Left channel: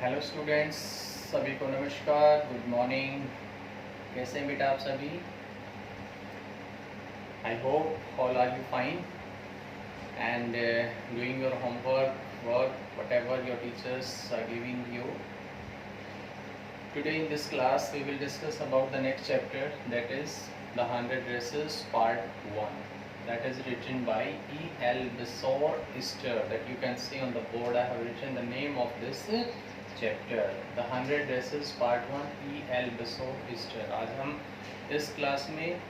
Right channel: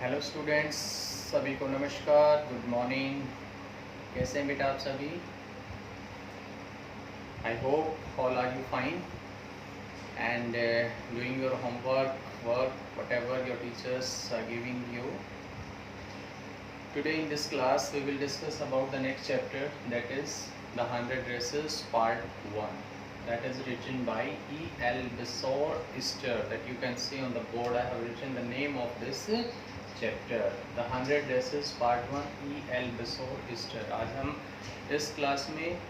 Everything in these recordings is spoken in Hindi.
हेलो स्टूडेंट्स, सभी को नमस्कार, गुड मॉर्निंग। कैसे हैं बेटा आप सभी? I hope all are you fine and doing your homework, work, whatever your teachers are giving you. Today in this class we will discuss about the next chapter, that is the 100 Dresses Part 1. That is written by E. L. Bissour-Ister. That you can see on the board. I have written the name of this chapter the 100 Dresses part 1 E. L. Bissour-Ister. आज हम इस क्लास में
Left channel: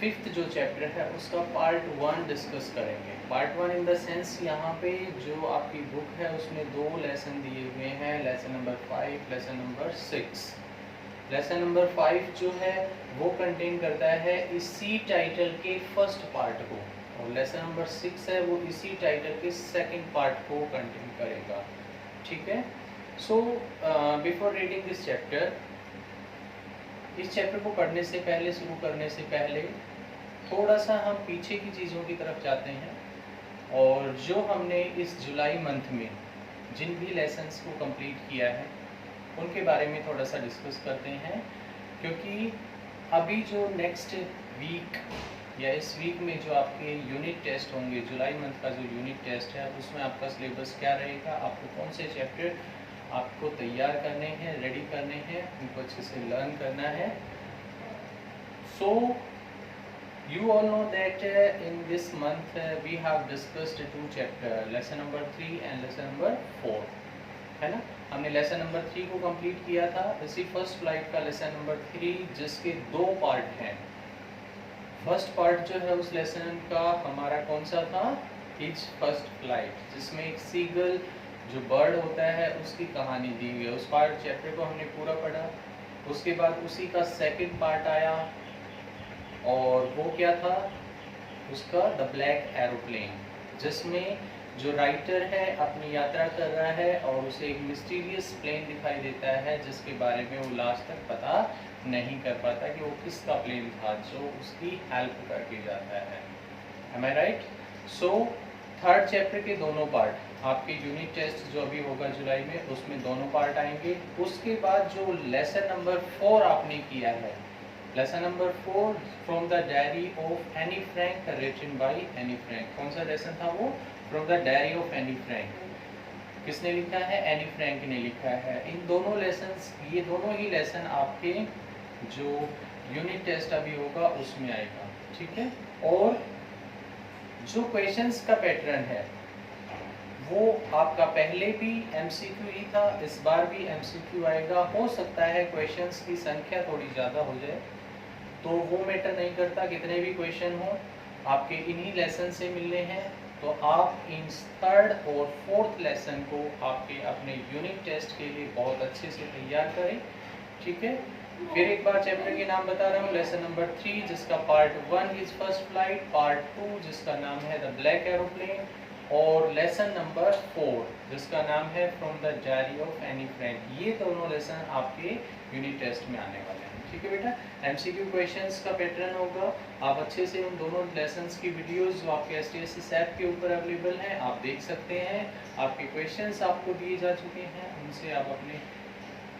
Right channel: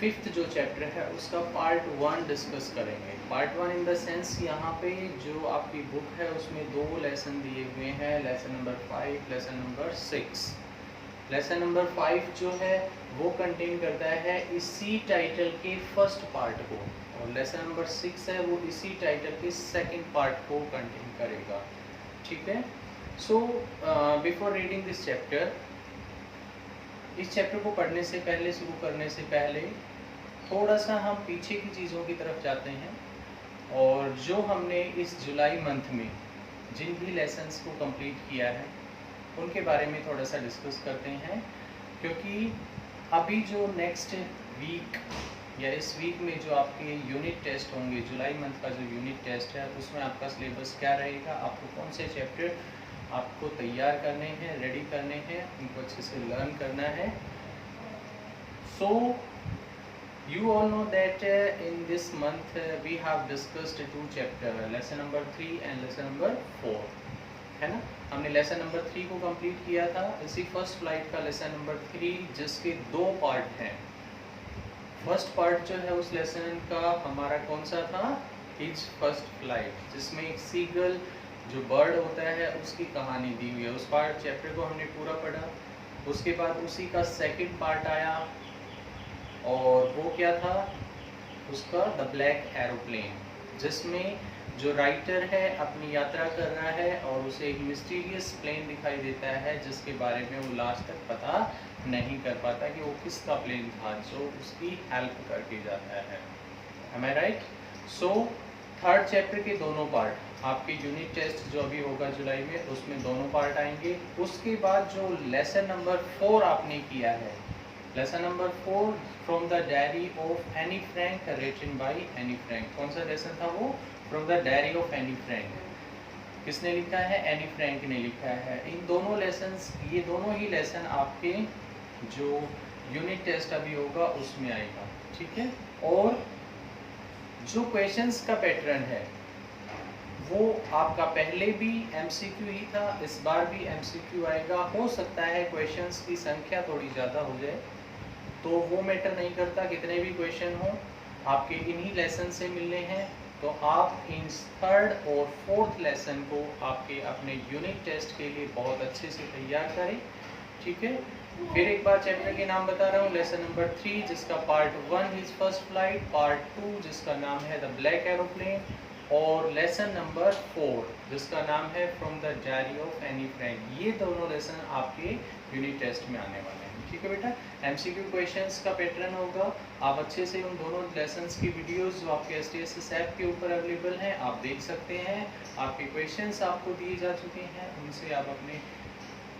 5th जो चैप्टर है उसका पार्ट 1 डिस्कस करेंगे। पार्ट 1 इन द सेंस यहाँ पे जो आपकी बुक है उसमें 2 लेसन दिए हुए हैं, lesson number 5, lesson number 6। Lesson number 5 जो है वो कंटेन करता है इसी टाइटल के फर्स्ट पार्ट को, और लेसन नंबर 6 है वो इसी टाइटल के सेकंड पार्ट को कंटेन करेगा। ठीक है। So before reading this chapter, इस चैप्टर को पढ़ने से पहले, शुरू करने से पहले थोड़ा सा हम पीछे की चीज़ों की तरफ जाते हैं और जो हमने इस जुलाई मंथ में जिन भी लेसन्स को कंप्लीट किया है उनके बारे में थोड़ा सा डिस्कस करते हैं, क्योंकि अभी जो नेक्स्ट वीक या इस वीक में जो आपके यूनिट टेस्ट होंगे, जुलाई मंथ का जो यूनिट टेस्ट है उसमें आपका सिलेबस क्या रहेगा, आपको कौन से चैप्टर आपको तैयार करने हैं, रेडी करने हैं, उनको अच्छे से लर्न करना है। सो you all know that in this month we have discussed 2 chapter, lesson number 3 and lesson number 4, है ना। हमने लेसन नंबर 3 को कंप्लीट किया था, इसी फर्स्ट फ्लाइट का लेसन नंबर 3 जिसके 2 पार्ट हैं। फर्स्ट पार्ट जो है उस लेसन का हमारा कौन सा था, हिज फर्स्ट फ्लाइट, जिसमें एक सीगल जो बर्ड होता है उसकी कहानी दी हुई है। उस पार्ट चैप्टर को हमने पूरा पढ़ा। उसके बाद उसी का सेकंड पार्ट आया और वो क्या था उसका, द ब्लैक एरोप्लेन, जिसमें जो राइटर है अपनी यात्रा कर रहा है और उसे एक मिस्टीरियस प्लेन दिखाई देता है जिसके बारे में वो लास्ट तक पता नहीं कर पाता कि वो किसका प्लेन था जो उसकी हेल्प करके जाता है। Am I right? So third chapter के दोनों पार्ट आपके यूनिट टेस्ट जो अभी होगा जुलाई में उसमें दोनों पार्ट आएंगे। उसके बाद जो लेसन नंबर 4 आपने किया है, lesson number 4 from the Diary of Anne Frank written by Anne Frank. कौन सा लेसन था वो? From the Diary of Anne Frank. किसने लिखा है? एनी फ्रैंक ने लिखा है। इन दोनों लेसन्स, ये दोनों ही लेसन आपके जो यूनिट टेस्ट अभी होगा उसमें आएगा। ठीक है। और जो क्वेश्चंस का पैटर्न है वो आपका पहले भी एमसीक्यू ही था, इस बार भी एमसीक्यू आएगा। हो सकता है क्वेश्चंस की संख्या थोड़ी ज़्यादा हो जाए, तो वो मैटर नहीं करता, कितने भी क्वेश्चन हो आपके इन्हीं लेसन से मिलने हैं। तो आप इन थर्ड और फोर्थ लेसन को आपके अपने यूनिट टेस्ट के लिए बहुत अच्छे से तैयार करें। ठीक है। फिर एक बार चैप्टर के नाम बता रहा हूँ, लेसन नंबर 3 जिसका part 1 his first flight, part 2 जिसका नाम है द ब्लैक एरोप्लेन, और लेसन नंबर 4 जिसका नाम है from the Diary of Anne Frank. ये दोनों लेसन आपके यूनिट टेस्ट में आने वाले हैं। ठीक है बेटा। एमसीक्यू क्वेश्चंस का पैटर्न होगा। आप अच्छे से उन दोनों लेसन्स की वीडियोस जो आपके STSS ऐप के ऊपर अवेलेबल हैं आप देख सकते हैं। आपके क्वेश्चंस आपको दिए जा चुके हैं, उनसे आप अपनी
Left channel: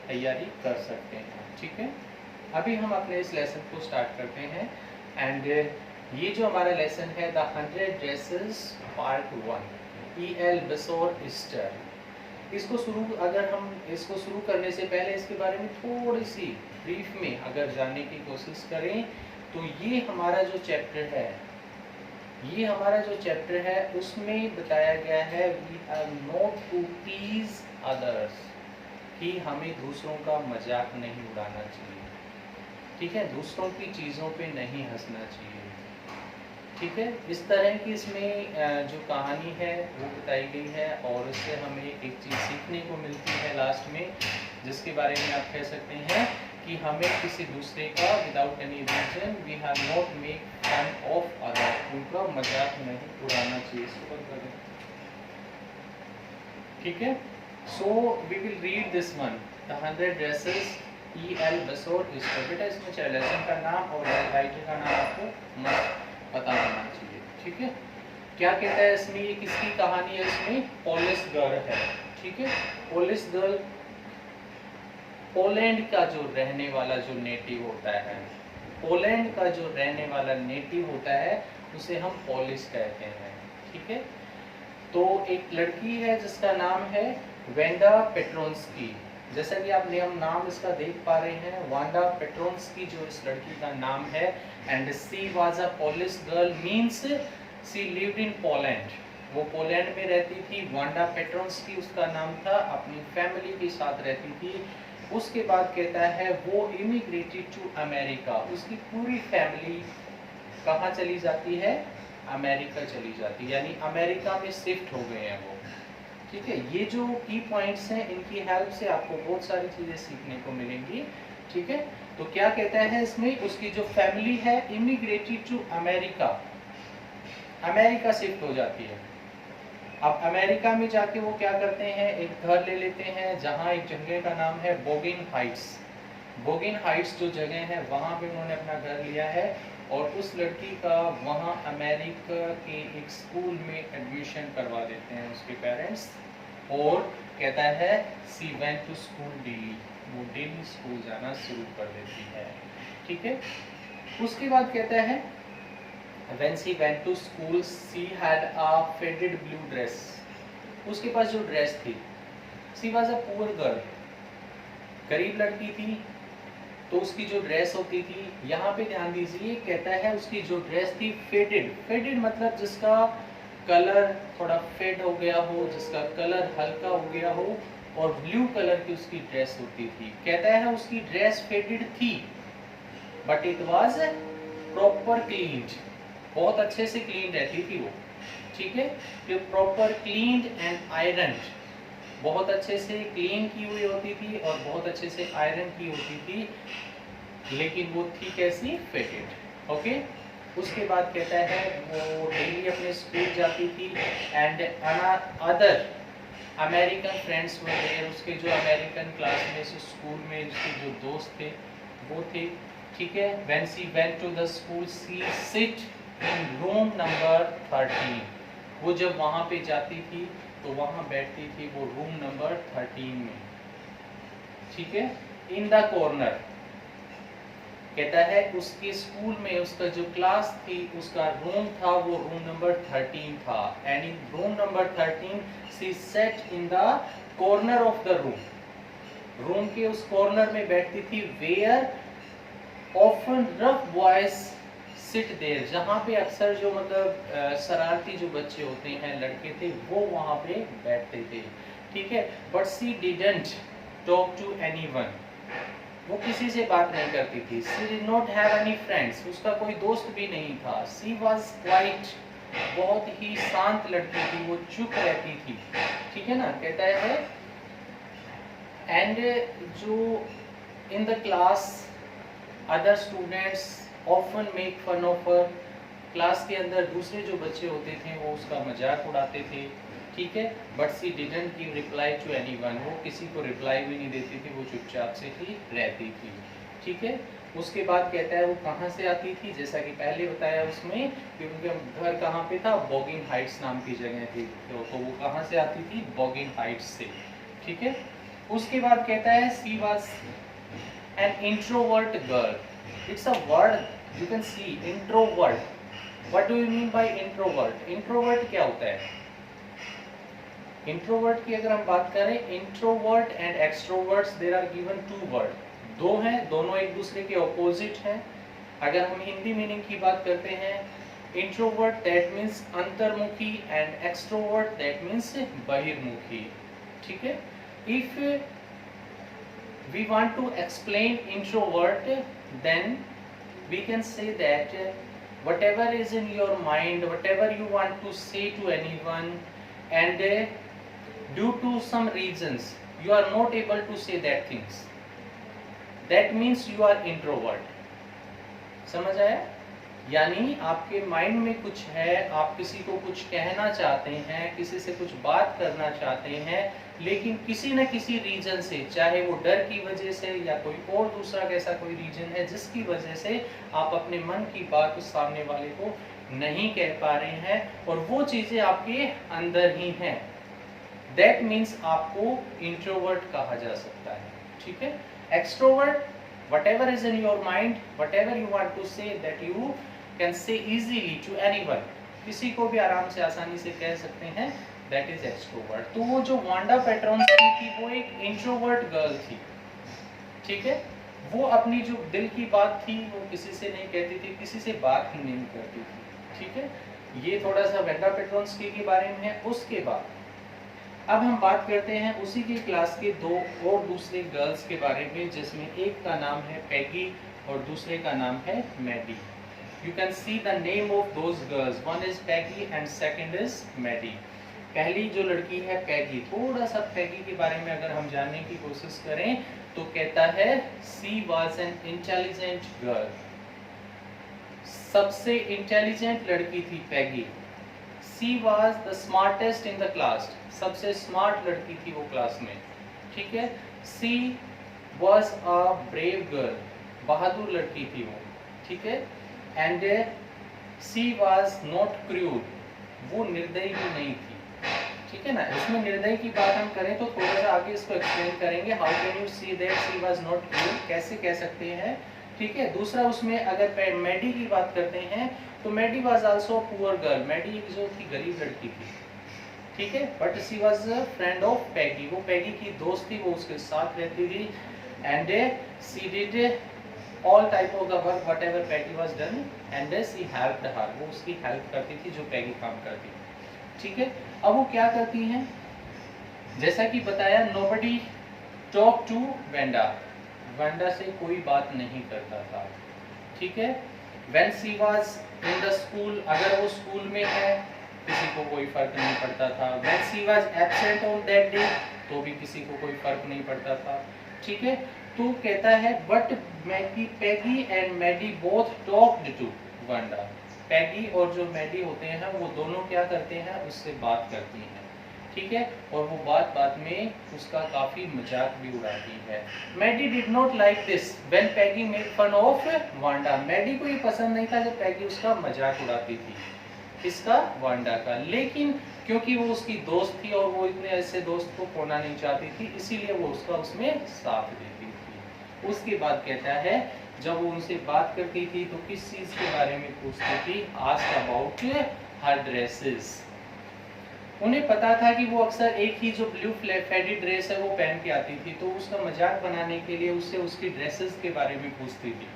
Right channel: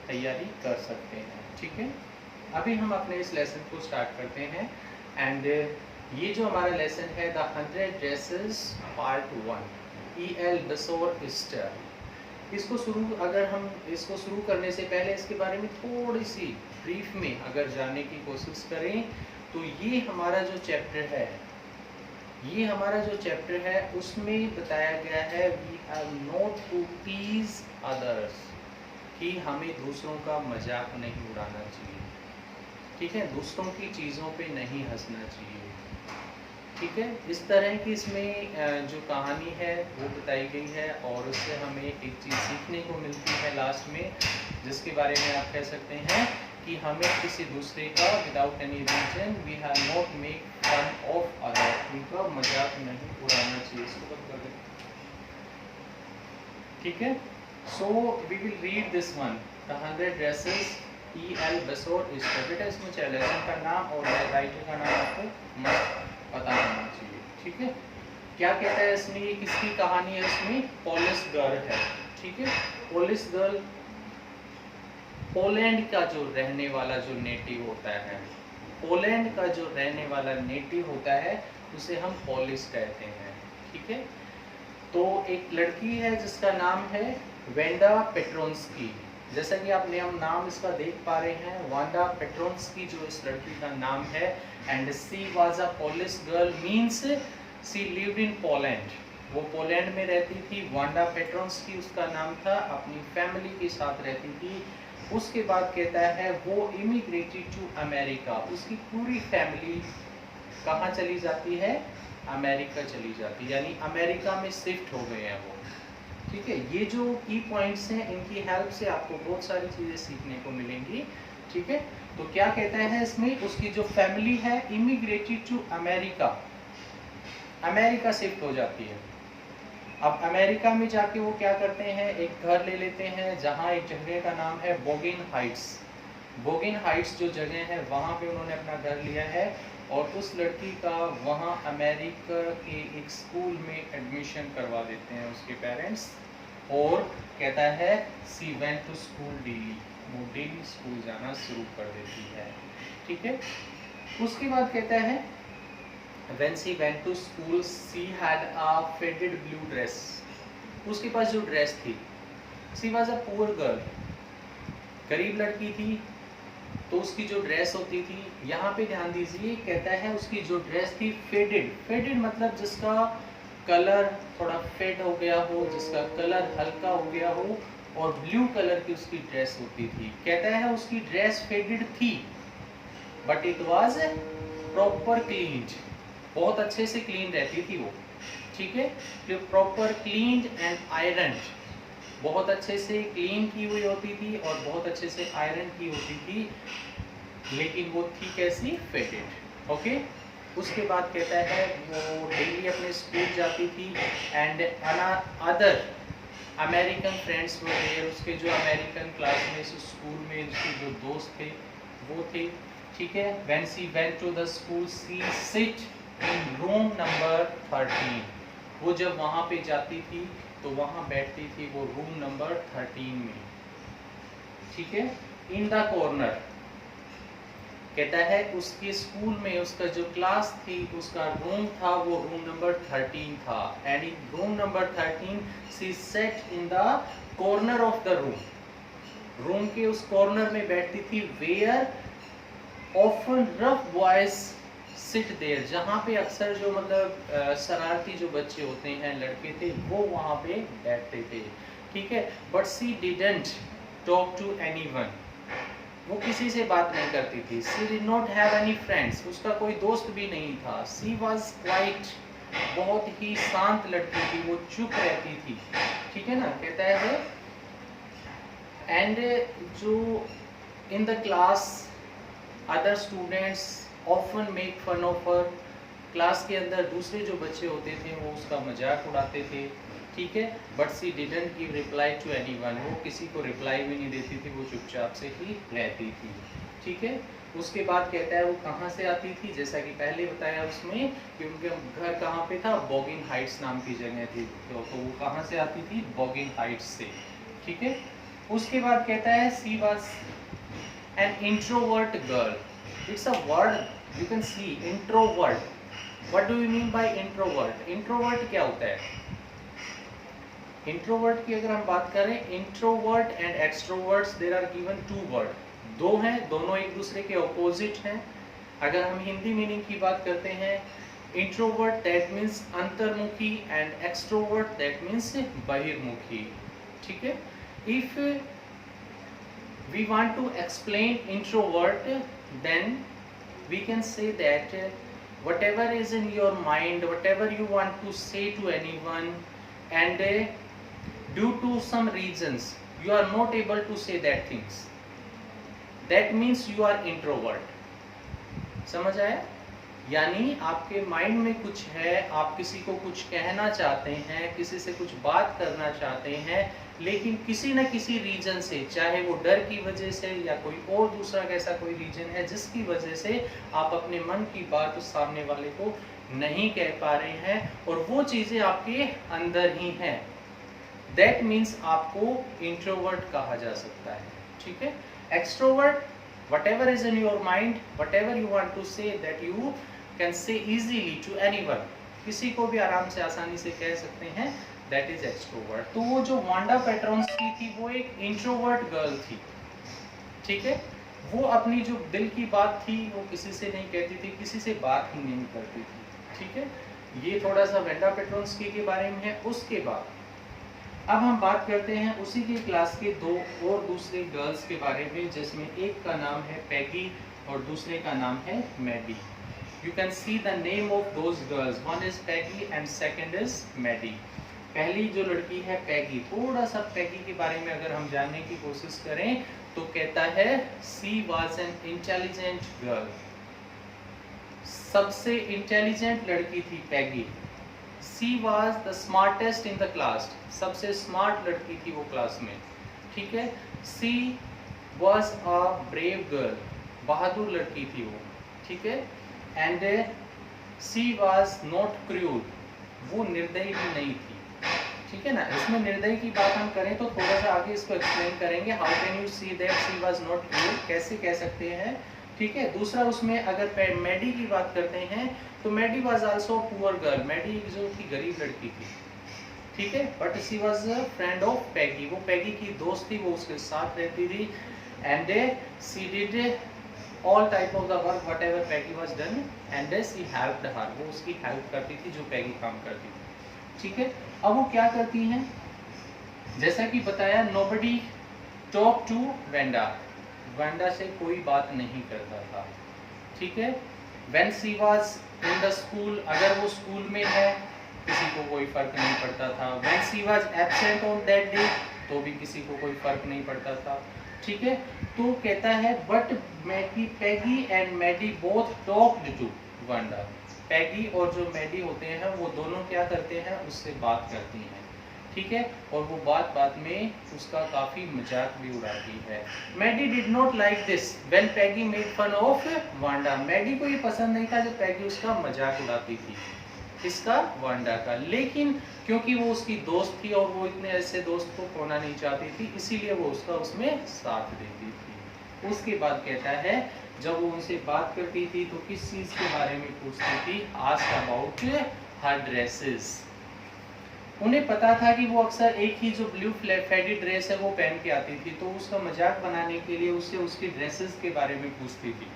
तैयारी कर सकते हैं। ठीक है। अभी हम अपने इस लेसन को स्टार्ट करते हैं एंड ये जो हमारा लेसन है the 100 Dresses part 1 E. L. Bissour-Ister। इसको शुरू करने से पहले इसके बारे में थोड़ी सी ब्रीफ में अगर जानने की कोशिश करें तो ये हमारा जो चैप्टर है उसमें बताया गया है we are not to tease others, कि हमें दूसरों का मजाक नहीं उड़ाना चाहिए। ठीक है। दूसरों की चीज़ों पे नहीं हंसना चाहिए। ठीक है। इस तरह की इसमें जो कहानी है वो बताई गई है और उससे हमें एक चीज़ सीखने को मिलती है लास्ट में, जिसके बारे में आप कह सकते हैं कि हमें किसी दूसरे का without any reason we have not make fun of other, उनका मजाक नहीं उड़ाना चाहिए। इसको बंद कर दें। ठीक है। So we will read this one, the 100 Dresses E. L. Bissour-Ister। बेटा इसमें चाहे लेसन का नाम और राइटर का नाम आपको मस्त पता होना चाहिए। ठीक है। क्या कहता है इसमें, ये किसकी कहानी है? इसमें पोलिस गर्ल है। ठीक है। पोलिश गर्ल पोलैंड का जो रहने वाला जो नेटिव होता है, पोलैंड का जो रहने वाला नेटिव होता है उसे हम पोलिश कहते हैं। ठीक है, तो एक लड़की है जिसका नाम है वेंडा पेट्रोन्स्की। जैसा कि आप नाम इसका देख पा रहे हैं, वांडा पेट्रोन्स्की जो इस लड़की का नाम है। And she was a Polish girl, means she lived in Poland. वो पोलैंड में रहती थी। वांडा पेट्रोन्स्की उसका नाम था, अपनी फैमिली के साथ रहती थी। उसके बाद कहता है वो इमिग्रेटेड टू अमेरिका। उसकी पूरी फैमिली कहाँ चली जाती है? अमेरिका चली जाती है, यानी अमेरिका में शिफ्ट हो गए हैं वो। ठीक है, ये जो की पॉइंट्स हैं इनकी हेल्प से आपको बहुत सारी चीजें सीखने को मिलेंगी। ठीक है, तो क्या कहता है इसमें, उसकी जो फैमिली है immigrated to America, America shift हो जाती है। अब अमेरिका में जाके वो क्या करते हैं, एक घर ले लेते हैं जहाँ एक जगह का नाम है बोगिन हाइट्स। बोगिन हाइट्स जो जगह है वहाँ पे उन्होंने अपना घर लिया है और उस लड़की का वहाँ अमेरिका के एक स्कूल में एडमिशन करवा देते हैं उसके पेरेंट्स। और कहता है she went to school daily, वो डेली स्कूल जाना शुरू कर देती है। ठीक है, उसके बाद कहता है when she went to school she had a faded blue dress। उसके पास जो ड्रेस थी, she was a poor girl, गरीब लड़की थी, तो उसकी जो ड्रेस होती थी, यहाँ पे ध्यान दीजिए, कहता है उसकी जो ड्रेस थी फेडेड। फेडेड मतलब जिसका कलर थोड़ा फेड हो गया हो, जिसका कलर हल्का हो गया हो, और ब्लू कलर की उसकी ड्रेस होती थी। कहता है उसकी ड्रेस फेडेड थी but it was proper cleaned, बहुत अच्छे से क्लीन रहती थी वो। ठीक है, प्रॉपर क्लीन्ड एंड आयरन, बहुत अच्छे से क्लीन की हुई होती थी और बहुत अच्छे से आयरन की होती थी, लेकिन वो थी कैसी? फेडेड। ओके, उसके बाद कहता है वो डेली अपने स्कूल जाती थी and other American friends were there. उसके जो अमेरिकन क्लासमेट्स स्कूल में उसके जो दोस्त थे वो थे। ठीक है, when she went to the school she sit in room number 13। वो जब वहाँ पे जाती थी तो वहाँ बैठती थी वो रूम नंबर 13 में। ठीक है, इन द कॉर्नर। कहता है उसके स्कूल में उसका जो क्लास थी उसका रूम था वो रूम नंबर 13 था। And in room number 13 she set in the corner of the room. Room के उस कॉर्नर में बैठती थी where often rough boys sit there, जहाँ पे अक्सर जो मतलब शरारती जो बच्चे होते हैं, लड़के थे, वो वहाँ पे बैठते थे। ठीक है, but she didn't talk to anyone, वो किसी से बात नहीं करती थी। She did not have any friends, उसका कोई दोस्त भी नहीं था। शी वाज क्वाइट, बहुत ही शांत लड़की थी, वो चुप रहती थी। ठीक है ना, कहता है एंड जो in the class other students often make fun of her, class के अंदर दूसरे जो बच्चे होते थे वो उसका मजाक उड़ाते थे। ठीक है, but she didn't give reply to anyone, वो किसी को रिप्लाई भी नहीं देती थी, वो चुपचाप से ही रहती थी। ठीक है, उसके बाद कहता है वो कहाँ से आती थी, जैसा कि पहले बताया उसमें कि उनका घर कहाँ पे था, बोगिन हाइट्स नाम की जगह थी, तो वो कहाँ से आती थी? बोगिन हाइट्स से। ठीक है, उसके बाद कहता है she was an introvert girl. It's a word you can see, introvert. What do you mean by introvert? Introvert क्या होता है? इंट्रोवर्ट की अगर हम बात करें, introvert and extroverts there are given two word, दो हैं, दोनों एक दूसरे के ऑपोजिट हैं। अगर हम हिंदी मीनिंग की बात करते हैं, इंट्रोवर्ट दैट मीन्स अंतर्मुखी एंड एक्सट्रोवर्ट दैट मीन्स बहिर्मुखी। ठीक है, if we want to explain introvert then we can say that whatever is in your mind, whatever you want to say to anyone, and due to some reasons you are not able to say that things, that means you are introvert। समझ आया? यानी आपके माइंड में कुछ है, आप किसी को कुछ कहना चाहते हैं, किसी से कुछ बात करना चाहते हैं, लेकिन किसी न किसी रीजन से, चाहे वो डर की वजह से या कोई और दूसरा ऐसा कोई रीजन है जिसकी वजह से आप अपने मन की बात उस सामने वाले को नहीं कह पा रहे हैं, और वो चीज़ें आपके अंदर ही हैं। दैट मीन्स आपको इंट्रोवर्ट कहा जा सकता है, ठीक है। Extrovert, whatever is in your mind, whatever you want to say, that you can say easily to anyone, किसी को भी आराम से आसानी से कह सकते हैं, that is extrovert। तो वो जो वांडा पेट्रोन्स्की थी वो एक इंट्रोवर्ट गर्ल थी, ठीक है। वो अपनी जो दिल की बात थी वो किसी से नहीं कहती थी, किसी से बात ही नहीं करती थी, ठीक है। ये थोड़ा सा वांडा पेट्रोन्स्की के बारे में है। उसके बाद अब हम बात करते हैं उसी की क्लास के दो और दूसरे गर्ल्स के बारे में, जिसमें एक का नाम है पैगी और दूसरे का नाम है Maddy. You can see the name of those girls, one is Peggy and second is Maddy. पहली जो लड़की है पैगी, थोड़ा सा पैगी के बारे में अगर हम जानने की कोशिश करें तो कहता है she was an intelligent girl, सबसे इंटेलिजेंट लड़की थी Peggy. She was the smartest in the class, सबसे स्मार्ट लड़की थी वो क्लास में, ठीक है। She was a brave girl, बहादुर लड़की थी वो, ठीक है। एंड सी वॉज नॉट क्रूर, वो निर्दयी भी नहीं थी, ठीक है ना। इसमें निर्दयी की बात हम करें तो थोड़ा सा आगे इसको एक्सप्लेन करेंगे। How can you see that she was not cruel, कैसे कह सकते हैं, ठीक है। दूसरा उसमें अगर मैडी की बात करते हैं तो Maddy was also poor girl, Maddy जो थी गरीब लड़की थी, ठीक है। But she was friend of Peggy, वो पैगी की दोस्त थी, वो उसके साथ रहती थी। And she did all type of the work whatever Peggy was done and she helped her, वो उसकी हेल्प करती थी जो पैगी काम करती थी, ठीक है। अब वो क्या करती हैं, जैसा कि बताया nobody talk to Wanda, Wanda से कोई बात नहीं करता था, ठीक है। When she was in the school, अगर वो स्कूल में है किसी को कोई फर्क नहीं पड़ता था। When she was absent on that day, तो भी किसी को कोई फर्क नहीं पड़ता था, ठीक है। तो कहता है but Peggy and Maddy both talked to Wanda, Peggy और जो मैडी होते हैं वो दोनों क्या करते हैं, उससे बात करती हैं, ठीक है। और वो बात बात में उसका काफी मजाक भी उड़ाती है। Maddy did not like this when Peggy made fun of Wanda, Maddy को ये पसंद नहीं था जब पैगी उसका मजाक उड़ाती थी, इसका, वांडा का। लेकिन क्योंकि वो उसकी दोस्त थी और वो इतने ऐसे दोस्त को खोना नहीं चाहती थी, इसीलिए वो उसका उसमें साथ देती थी। उसके बाद कहता है जब वो उनसे बात करती थी तो किस चीज के बारे में पूछती थी, आस्क्ड अबाउट हर ड्रेसेस। उन्हें पता था कि वो अक्सर एक ही जो ब्लू फेडी ड्रेस है वो पहन के आती थी, तो उसका मजाक बनाने के लिए उससे उसकी ड्रेसेस के बारे में पूछती थी।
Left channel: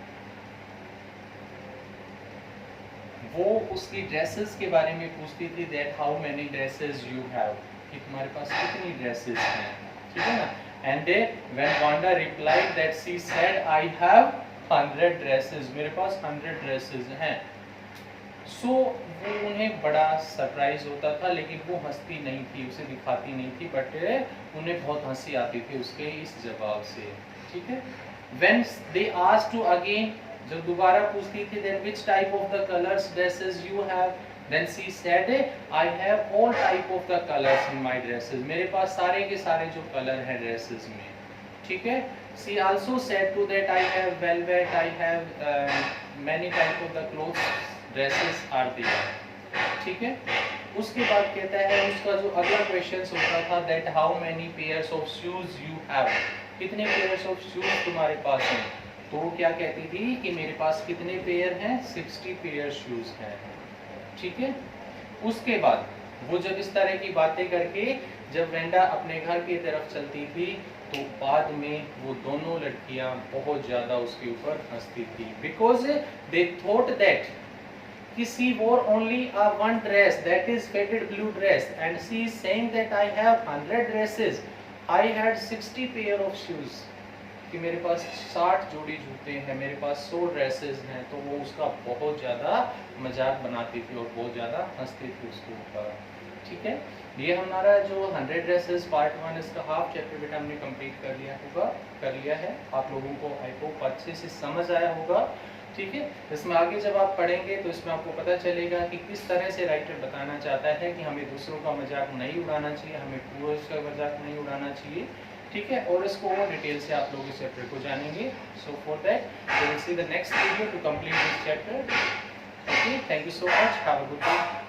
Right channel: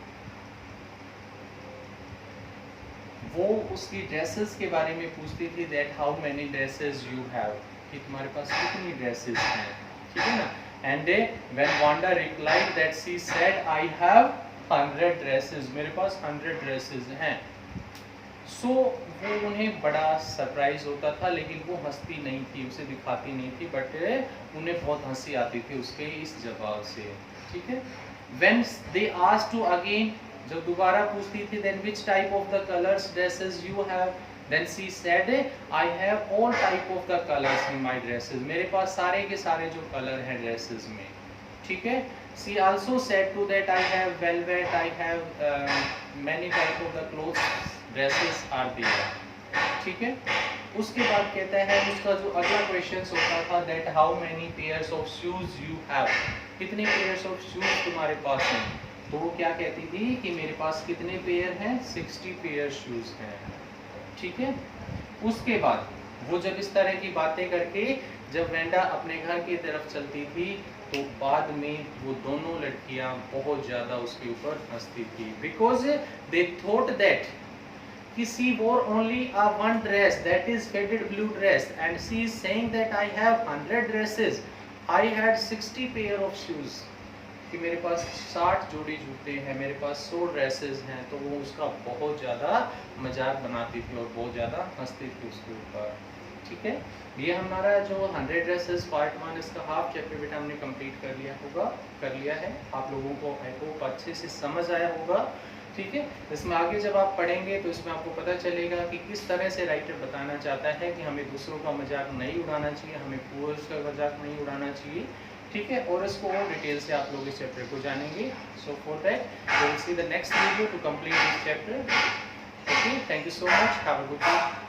वो उसकी ड्रेसेस के बारे में पूछती थी, that how many dresses you have, कि तुम्हारे पास कितनी ड्रेसेस हैं, ठीक है ना। And when Wanda replied that she said I have 100 dresses, मेरे पास 100 ड्रेसेस हैं। सो वो उन्हें बड़ा सरप्राइज होता था, लेकिन वो हंसती नहीं थी, उसे दिखाती नहीं थी, बट उन्हें बहुत हंसी आती थी उसके इस जवाब से, ठीक है। When they asked to again, जब दोबारा पूछती थी, then which type of the colours dresses you have, then she said I have all type of the colours in my dresses, मेरे पास सारे के सारे जो कलर हैं ड्रेसेस में, ठीक है। She also said to that I have velvet, I have many type of the clothes dresses are there, ठीक है। उसके बाद कहता है उसका जो अगला क्वेश्चन होता था, that how many pairs of shoes you have, कितने पेयर्स ऑफ शूज तुम्हारे पास हैं, तो वो क्या कहती थी कि मेरे पास कितने पेयर हैं, 60 पेयर शूज हैं, ठीक है। उसके बाद वो जब इस तरह की बातें करके जब वेंडा अपने घर की तरफ चलती थी तो बाद में वो दोनों लड़कियां बहुत ज्यादा उसके ऊपर हंसती थी, बिकॉज दे थॉट दैट कि she wore only a one dress, that is faded blue dress, and she is saying that I have 100 dresses, I had 60 pair of shoes, कि मेरे पास 60 जोड़ी जूते हैं, मेरे पास 100 ड्रेसेस हैं। तो वो उसका बहुत ज़्यादा मजाक बनाती थी और बहुत ज़्यादा हंसती थी उसके ऊपर, ठीक है। ये हमारा जो 100 ड्रेसेस पार्ट 1 इसका हाफ चैप्टर बेटा हमने कंप्लीट कर लिया है। आप लोगों को आई होप अच्छे से समझ आया होगा, ठीक है। इसमें आगे जब आप पढ़ेंगे तो इसमें आपको पता चलेगा कि किस तरह से राइटर बताना चाहता है कि हमें दूसरों का मजाक नहीं उड़ाना चाहिए, हमें पुअर्स का मजाक नहीं उड़ाना चाहिए, ठीक है। और इसको और डिटेल से आप लोग इस चैप्टर को जानेंगे। So for that we will see the next video to complete this chapter. Okay, thank you so much, have a good day.